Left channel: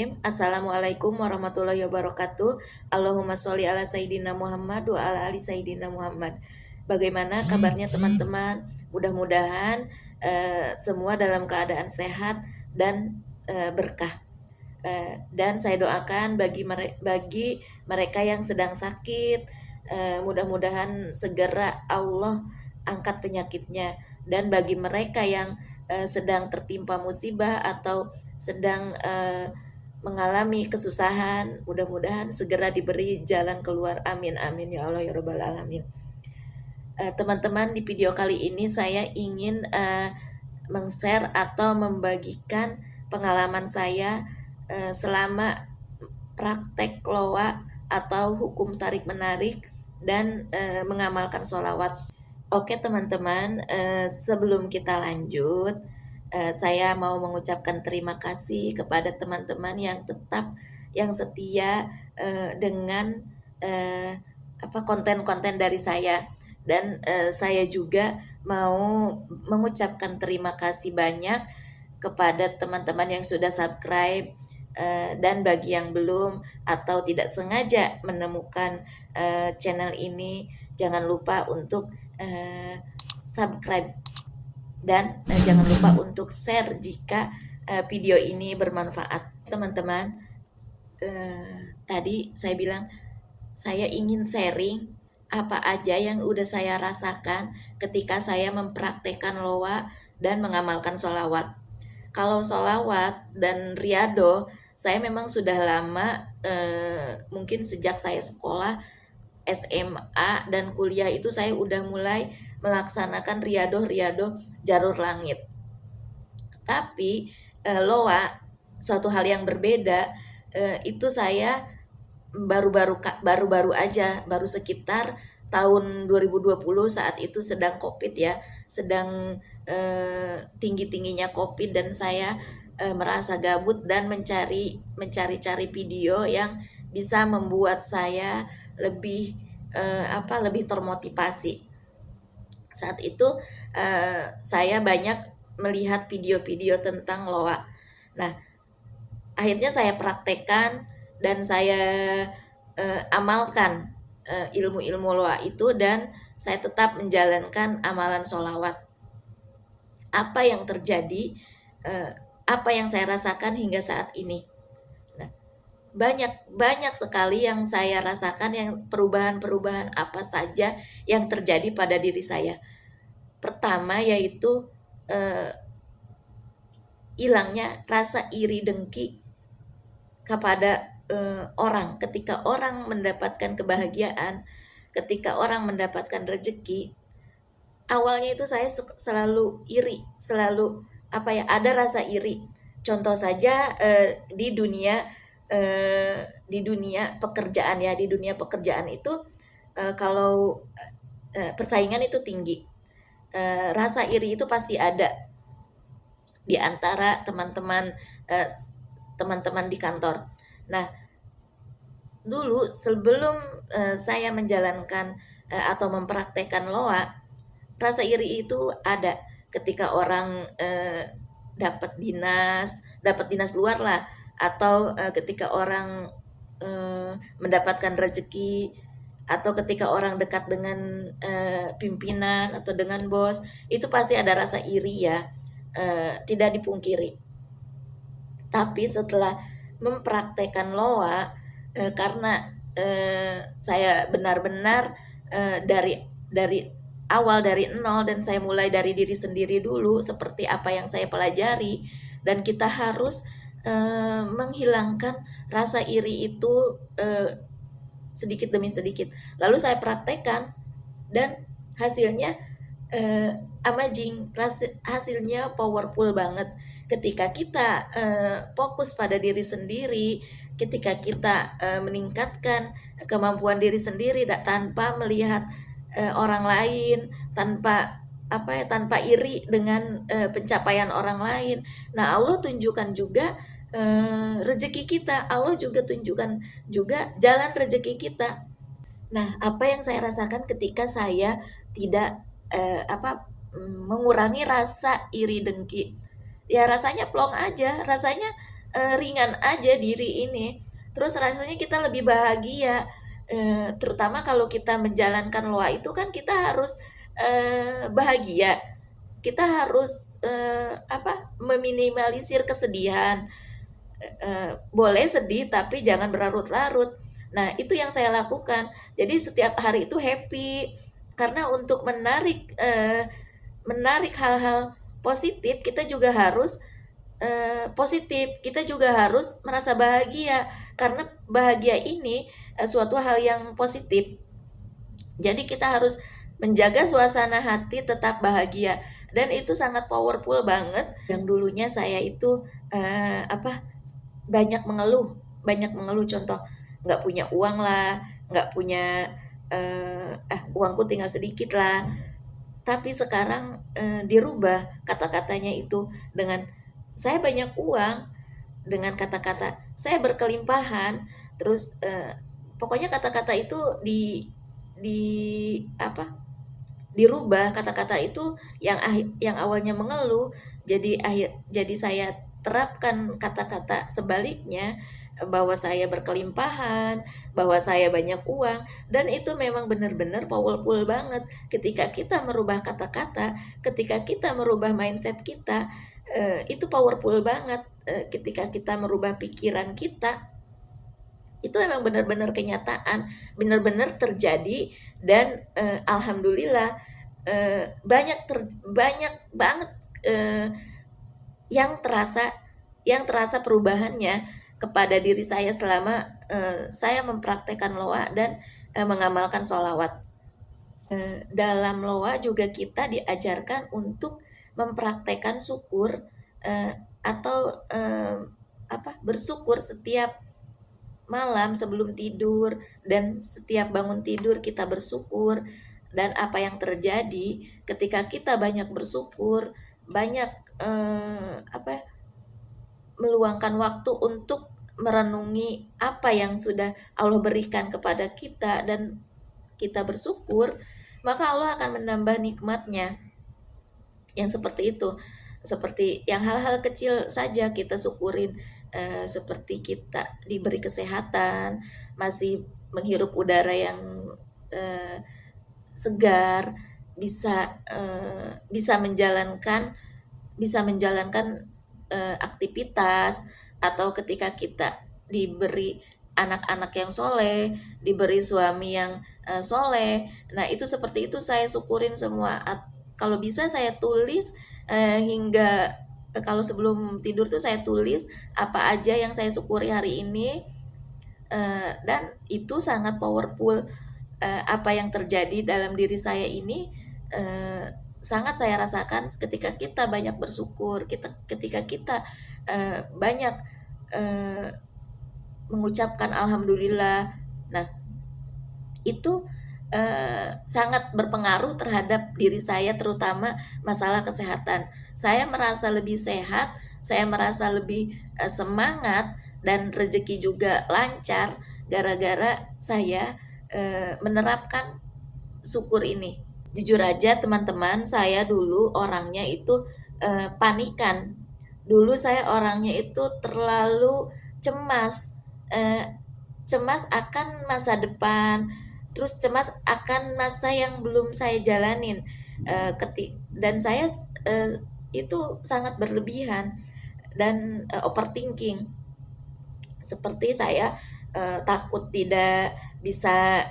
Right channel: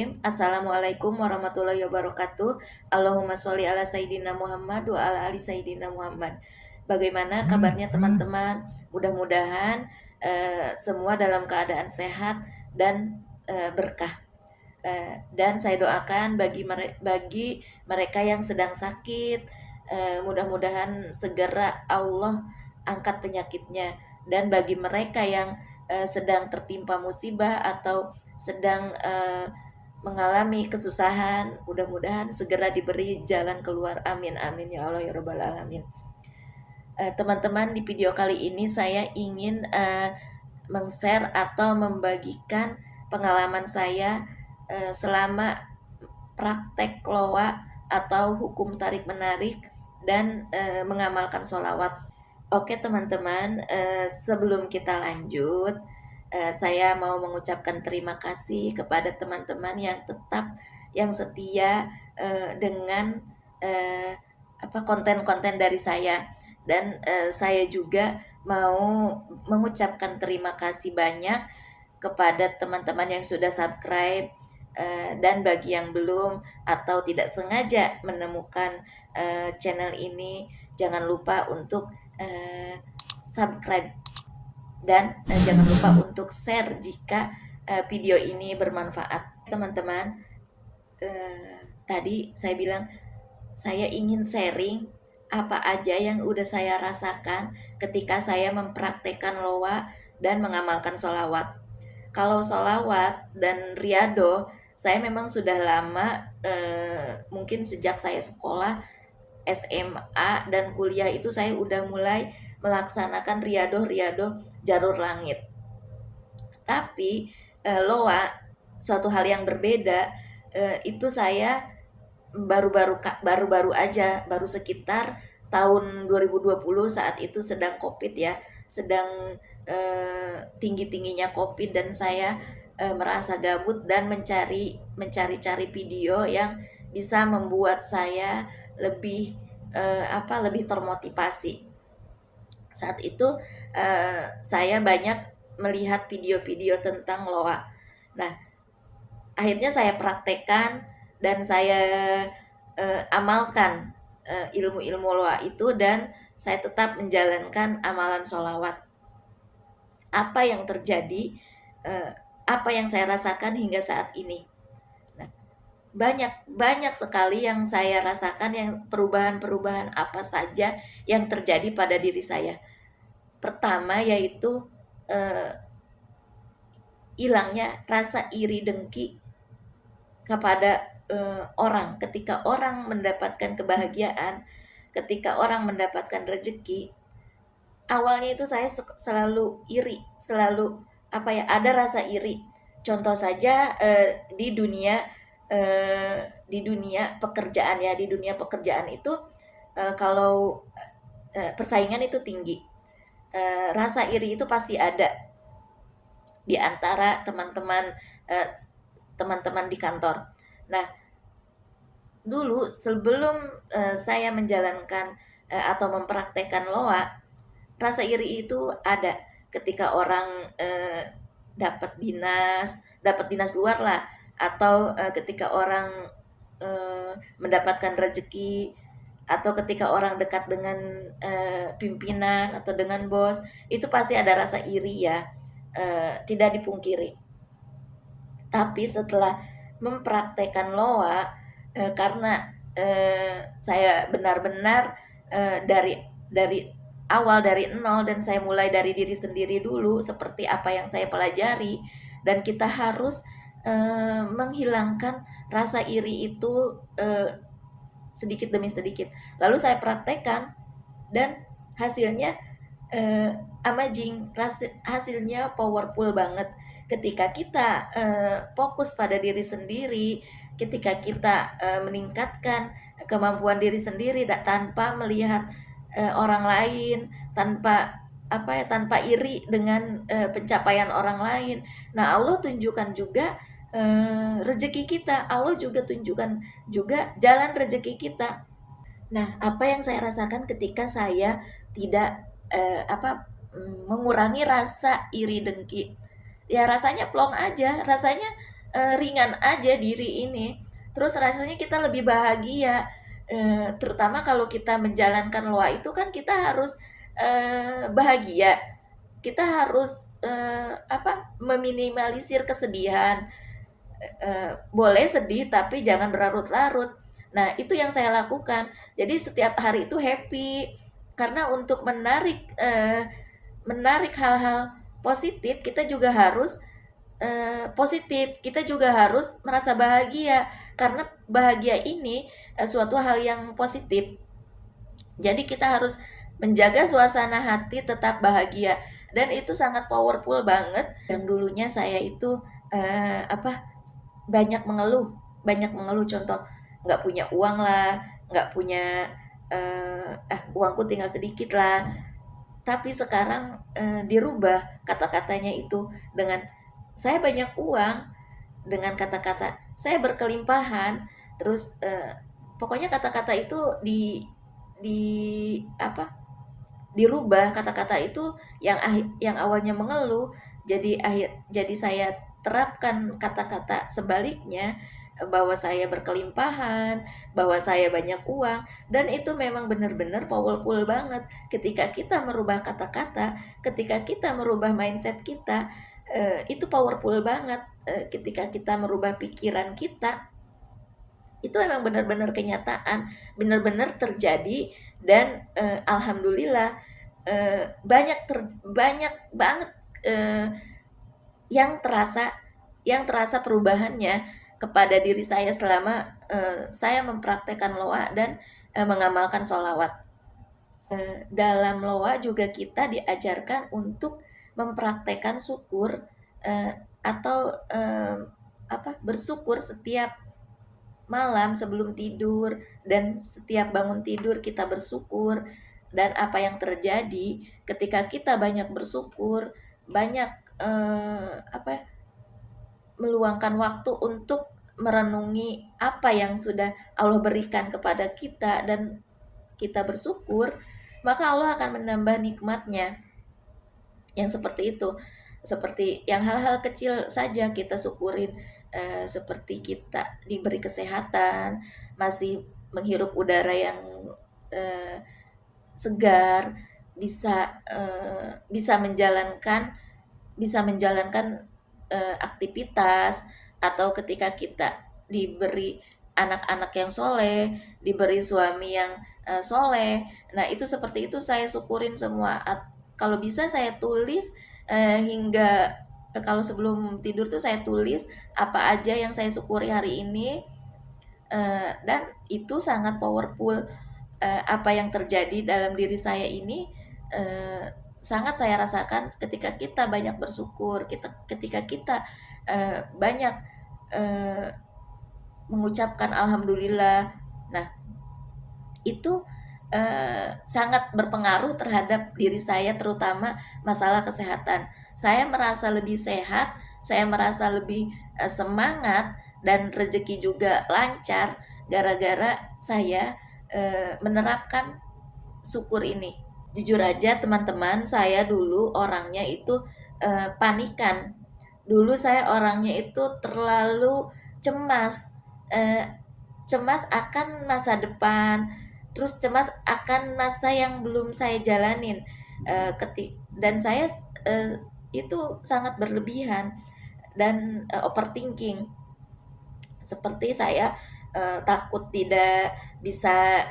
Bismillahirrahmanirrahim. Assalamualaikum warahmatullahi wabarakatuh. Allahumma sholli ala Sayyidina Muhammad wa ala ali Sayyidina Muhammad. Bagaimana kabarnya teman-teman? Mudah-mudahan semua dalam keadaan sehat dan berkah. Dan saya doakan bagi mereka yang sedang sakit, mudah-mudahan segera Allah angkat penyakitnya. Dan bagi mereka yang sedang tertimpa musibah atau sedang mengalami kesusahan, mudah-mudahan segera diberi jalan keluar. Amin amin ya Allah ya rabbal alamin. Teman-teman, di video kali ini saya ingin meng-share atau membagikan pengalaman saya selama praktek loa atau hukum tarik menarik dan mengamalkan sholawat. Oke teman-teman, sebelum kita lanjut, saya mau mengucapkan terima kasih kepada teman-teman yang setia dengan konten-konten dari saya. Dan saya juga mau mengucapkan terima kasih banyak kepada teman-teman yang sudah subscribe, dan bagi yang belum atau tidak sengaja menemukan channel ini, jangan lupa untuk subscribe dan jangan lupa untuk share jika video ini bermanfaat. Teman-teman, tadi saya bilang saya ingin sharing apa aja yang udah saya rasakan ketika saya mempraktekkan loa dan mengamalkan sholawat. Kalau sholawat dan riado, saya memang sudah lama, mungkin sejak saya sekolah SMA dan kuliah itu saya udah mulai melaksanakan riado jalur langit. Tapi loa suatu hal yang berbeda. Itu saya baru aja, baru sekitar tahun 2020, saat itu sedang COVID ya, sedang tinggi-tingginya COVID, dan saya merasa gabut dan mencari video yang bisa membuat saya lebih lebih termotivasi. Saat itu saya banyak melihat video-video tentang loa. Nah, akhirnya saya praktekkan dan saya amalkan ilmu-ilmu loa itu, dan saya tetap menjalankan amalan sholawat. Apa yang terjadi, apa yang saya rasakan hingga saat ini? Nah, banyak sekali yang saya rasakan, yang perubahan apa saja yang terjadi pada diri saya. Pertama yaitu hilangnya rasa iri dengki kepada orang. Ketika orang mendapatkan kebahagiaan, ketika orang mendapatkan rezeki, awalnya itu saya selalu iri, selalu ada rasa iri. Contoh saja di dunia pekerjaan ya, di dunia pekerjaan itu kalau persaingan itu tinggi, rasa iri itu pasti ada di antara teman-teman di kantor. Nah, dulu sebelum saya menjalankan atau mempraktekkan loa, rasa iri itu ada ketika orang dapat dinas luar lah, atau ketika orang mendapatkan rezeki, atau ketika orang dekat dengan pimpinan atau dengan bos, itu pasti ada rasa iri ya, tidak dipungkiri. Tapi setelah mempraktekkan loa, karena saya benar-benar dari awal, dari nol, dan saya mulai dari diri sendiri dulu, seperti apa yang saya pelajari, dan kita harus menghilangkan rasa iri itu sedikit demi sedikit. Lalu saya praktekkan dan hasilnya amazing, hasilnya powerful banget. Ketika kita fokus pada diri sendiri, ketika kita meningkatkan kemampuan diri sendiri tanpa melihat orang lain, tanpa iri dengan pencapaian orang lain. Nah, Allah tunjukkan juga rezeki kita, Allah juga tunjukkan juga jalan rezeki kita. Nah, apa yang saya rasakan ketika saya tidak mengurangi rasa iri dengki, ya rasanya plong aja, rasanya ringan aja diri ini, terus rasanya kita lebih bahagia. Terutama kalau kita menjalankan loa itu kan kita harus bahagia, kita harus meminimalisir kesedihan. Boleh sedih tapi jangan berlarut-larut. Nah, itu yang saya lakukan. Jadi setiap hari itu happy, karena untuk menarik hal-hal positif kita juga harus positif, kita juga harus merasa bahagia, karena bahagia ini suatu hal yang positif. Jadi kita harus menjaga suasana hati tetap bahagia, dan itu sangat powerful banget. Yang dulunya saya itu banyak mengeluh, contoh nggak punya uang lah, nggak punya uangku tinggal sedikit lah. Tapi sekarang dirubah kata-katanya itu dengan saya banyak uang, dengan kata-kata saya berkelimpahan. Terus pokoknya kata-kata itu di dirubah. Kata-kata itu yang awalnya mengeluh jadi saya terapkan kata-kata sebaliknya, bahwa saya berkelimpahan, bahwa saya banyak uang. Dan itu memang benar-benar powerful banget ketika kita merubah kata-kata, ketika kita merubah mindset kita. Itu powerful banget. Ketika kita merubah pikiran kita, itu memang benar-benar kenyataan, benar-benar terjadi. Dan alhamdulillah banyak banget yang terasa perubahannya kepada diri saya selama saya mempraktekkan loa dan mengamalkan sholawat. Dalam loa juga kita diajarkan untuk mempraktekkan syukur, atau bersyukur setiap malam sebelum tidur, dan setiap bangun tidur kita bersyukur. Dan apa yang terjadi ketika kita banyak bersyukur, banyak meluangkan waktu untuk merenungi apa yang sudah Allah berikan kepada kita, dan kita bersyukur, maka Allah akan menambah nikmatnya. Yang seperti itu, seperti yang hal-hal kecil saja kita syukurin, seperti kita diberi kesehatan, masih menghirup udara yang segar, bisa menjalankan aktivitas, atau ketika kita diberi anak-anak yang soleh, diberi suami yang soleh. Nah, itu seperti itu saya syukurin semua. Kalau bisa saya tulis, hingga kalau sebelum tidur tuh saya tulis apa aja yang saya syukuri hari ini. Dan itu sangat powerful. Apa yang terjadi dalam diri saya ini sangat saya rasakan ketika kita banyak bersyukur, ketika kita banyak mengucapkan alhamdulillah. Nah, itu sangat berpengaruh terhadap diri saya, terutama masalah kesehatan. Saya merasa lebih sehat, saya merasa lebih semangat, dan rezeki juga lancar gara-gara saya menerapkan syukur ini. Jujur aja teman-teman, saya dulu orangnya itu panikan. Dulu saya orangnya itu terlalu cemas, cemas akan masa depan, terus cemas akan masa yang belum saya jalanin. Dan saya itu sangat berlebihan, dan overthinking. Seperti saya takut tidak bisa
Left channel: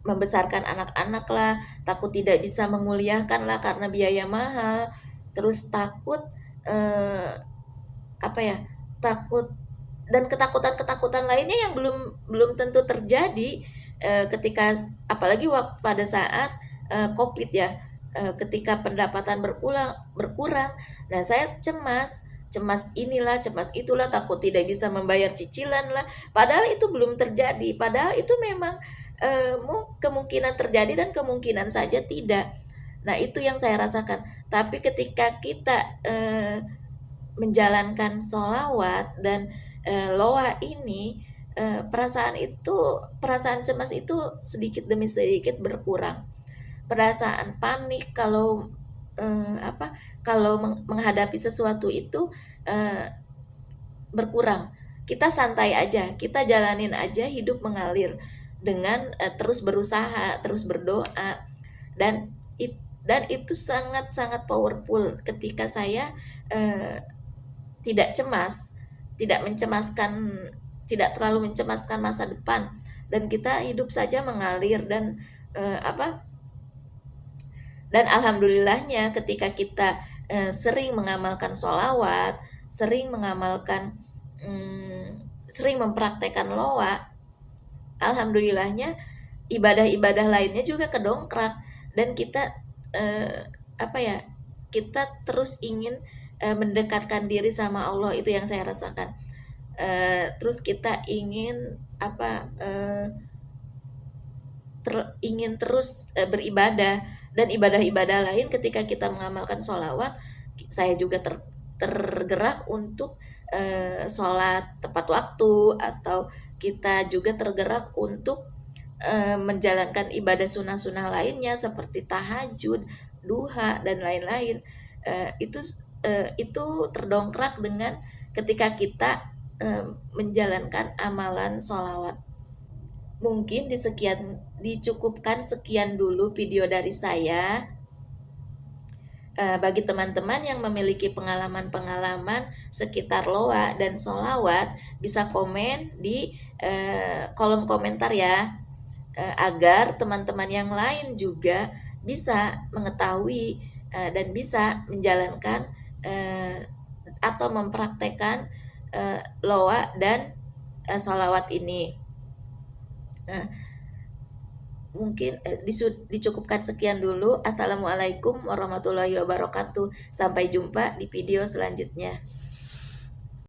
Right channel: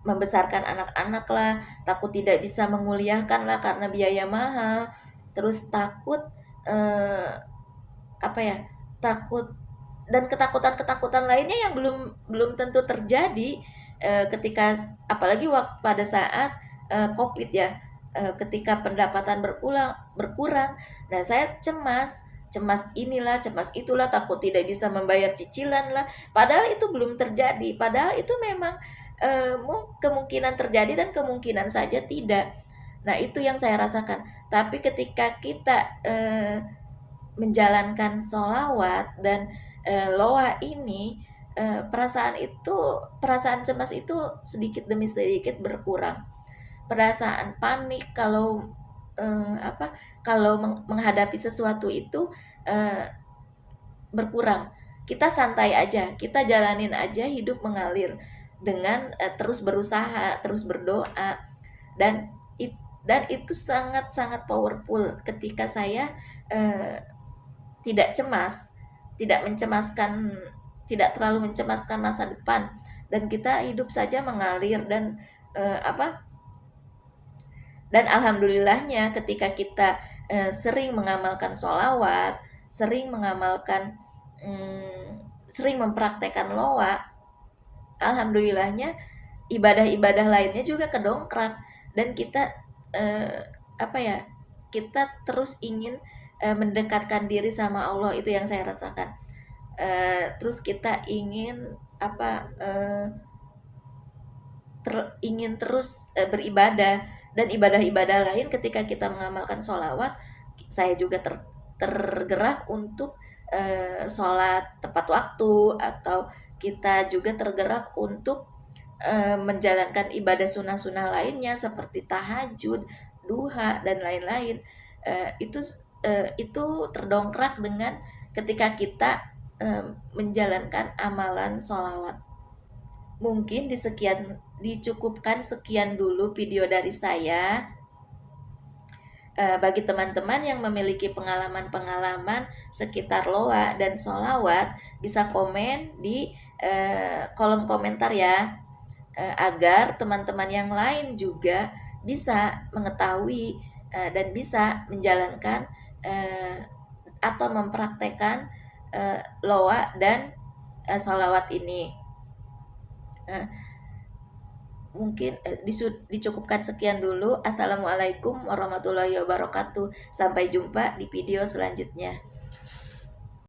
membesarkan anak-anak lah, takut tidak bisa menguliahkan lah karena biaya mahal, terus takut takut, dan ketakutan lainnya yang belum tentu terjadi ketika, apalagi pada saat COVID ya, ketika pendapatan berkurang. Nah, saya cemas inilah, cemas itulah, takut tidak bisa membayar cicilan lah, padahal itu belum terjadi, padahal itu memang kemungkinan terjadi dan kemungkinan saja tidak. Nah, itu yang saya rasakan. Tapi ketika kita menjalankan sholawat dan loa ini, perasaan cemas itu sedikit demi sedikit berkurang. Perasaan panik kalau menghadapi sesuatu itu berkurang. Kita santai aja, kita jalanin aja, hidup mengalir dengan terus berusaha, terus berdoa, dan dan itu sangat-sangat powerful ketika saya eh, tidak cemas, tidak mencemaskan, tidak terlalu mencemaskan masa depan, dan kita hidup saja mengalir. Dan apa, dan alhamdulillahnya ketika kita sering mengamalkan sholawat, sering mengamalkan, sering mempraktekkan loa, alhamdulillahnya ibadah-ibadah lainnya juga kedongkrak. Dan kita eh, apa ya, kita terus ingin mendekatkan diri sama Allah. Itu yang saya rasakan. Terus kita ingin apa, ingin terus beribadah. Dan ibadah-ibadah lain, ketika kita mengamalkan sholawat, saya juga tergerak untuk sholat tepat waktu, atau kita juga tergerak untuk menjalankan ibadah sunnah-sunnah lainnya seperti tahajud, duha, dan lain-lain. Itu terdongkrak dengan ketika kita menjalankan amalan sholawat. Mungkin dicukupkan sekian dulu video dari saya. Bagi teman-teman yang memiliki pengalaman-pengalaman sekitar loa dan sholawat, bisa komen di kolom komentar ya, agar teman-teman yang lain juga bisa mengetahui dan bisa menjalankan atau mempraktekkan loa dan sholawat ini. Mungkin dicukupkan sekian dulu. Assalamualaikum warahmatullahi wabarakatuh. Sampai jumpa di video selanjutnya.